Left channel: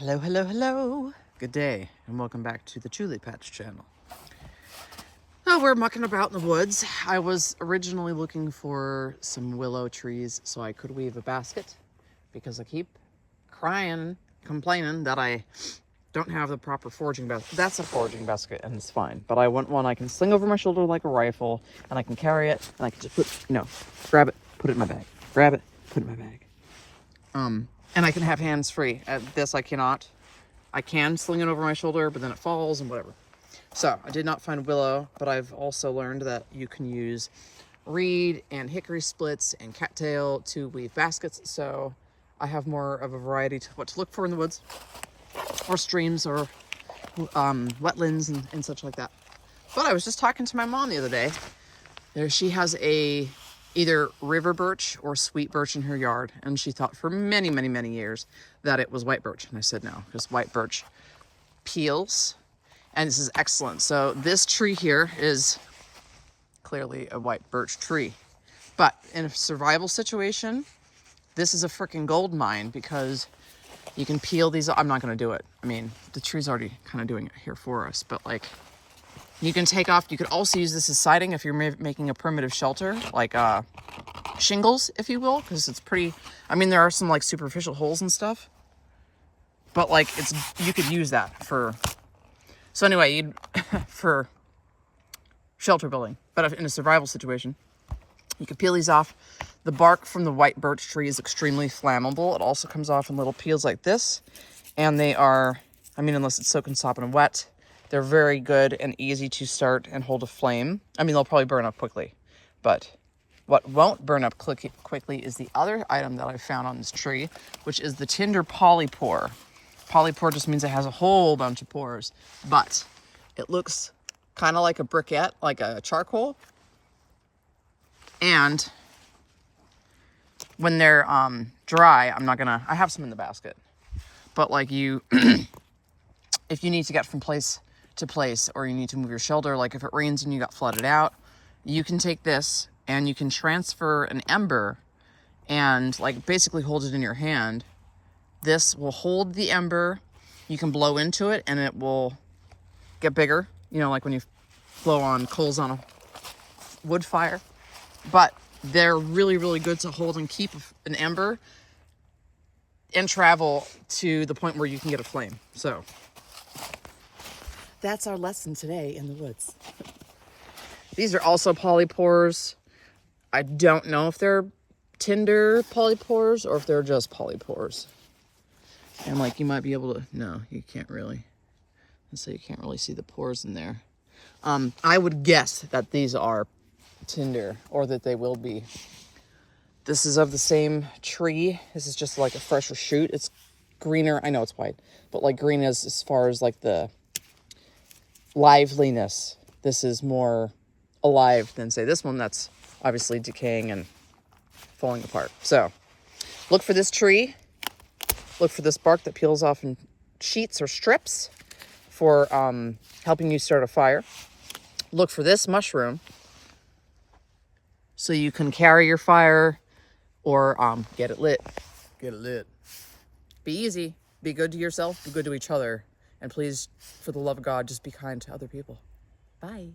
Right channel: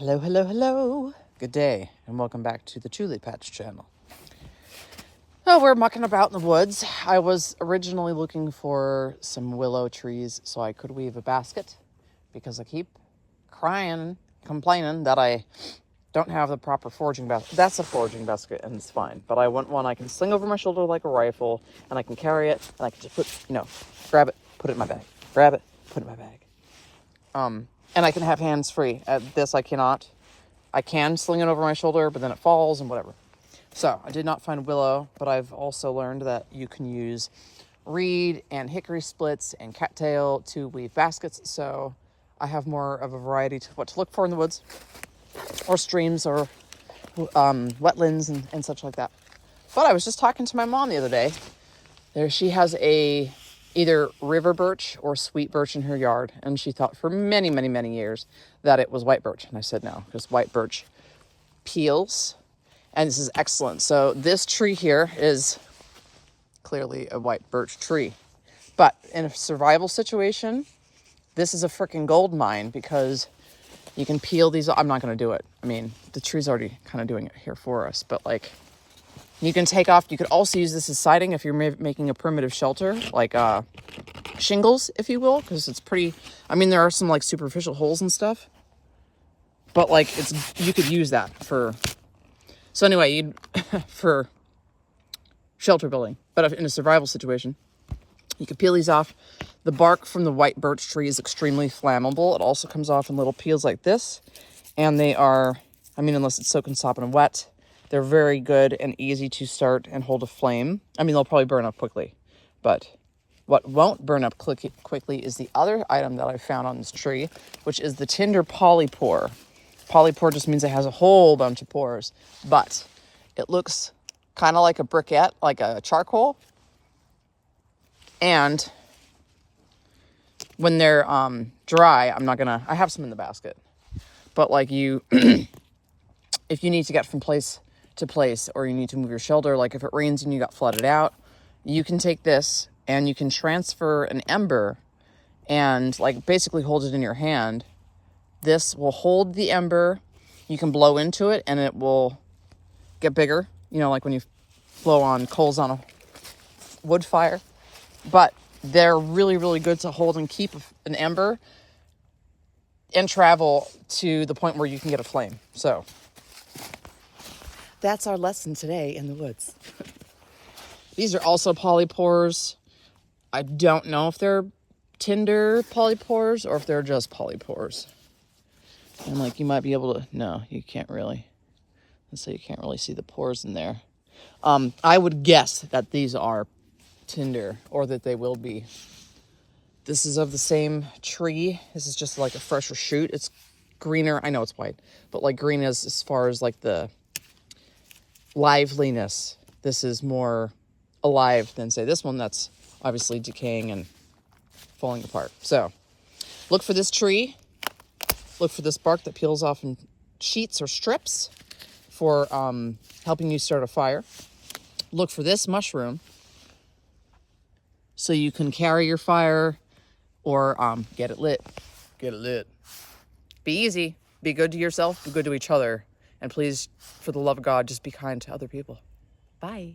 Hello, hello, hello. Good day, and welcome back to the Chuli Patch channel. Oh, we're mucking about in the woods. I was originally looking for some willow trees so I could weave a basket because I keep complaining that I don't have the proper foraging basket. That's a foraging basket and it's fine, but I want one I can sling over my shoulder like a rifle and I can carry it and I can just grab it, put it in my bag. Grab it, put it in my bag. And I can have hands free. At this, I cannot. I can sling it over my shoulder, but then it falls and whatever. So I did not find willow, but I've also learned that you can use reed and hickory splits and cattail to weave baskets. So I have more of a variety to what to look for in the woods or streams or wetlands and such like that. But I was just talking to my mom the other day. She has either river birch or sweet birch in her yard, and she thought for many, many, many years that it was white birch. And I said no, because white birch peels, and this is excellent. So this tree here is clearly a white birch tree, but in a survival situation, this is a freaking gold mine because you can peel these. I'm not going to do it. I mean, the tree's already kind of doing it here for us, but like, you can take off, you could also use this as siding if you're making a primitive shelter, like shingles, if you will, because it's pretty, I mean, there are some like superficial holes and stuff, but like you could use that for, so anyway, for shelter building, but in a survival situation, you could peel these off. The bark from the white birch tree is extremely flammable. It also comes off in little peels like this, and they are, I mean, unless it's soaking sopping and wet, they're very good and easy to start and hold a flame. I mean, they'll probably burn up quickly, but what won't burn up quickly is the other item that I found on this tree, which is the tinder polypore. Polypore just means it has a whole bunch of pores, but it looks kind of like a briquette, like a charcoal. And when they're dry, I have some in the basket, but like if you need to get from place to place, or you need to move your shelter, like if it rains and you got flooded out, you can take this and you can transfer an ember and like basically hold it in your hand. This will hold the ember. You can blow into it and it will get bigger, you know, like when you blow on coals on a wood fire. But they're really, really good to hold and keep an ember and travel to the point where you can get a flame. So that's our lesson today in the woods. These are also polypores. I don't know if they're tinder polypores or if they're just polypores. And like you might be able to, no, you can't really. So you can't really see the pores in there. I would guess that these are tinder, or that they will be. This is of the same tree. This is just like a fresher shoot. It's greener. I know it's white, but like green as far as like the liveliness. This is more alive than say this one that's obviously decaying and falling apart. So look for this tree. Look for this bark that peels off in sheets or strips for helping you start a fire. Look for this mushroom so you can carry your fire or get it lit. Get it lit. Be easy. Be good to yourself. Be good to each other. And please, for the love of God, just be kind to other people. Bye.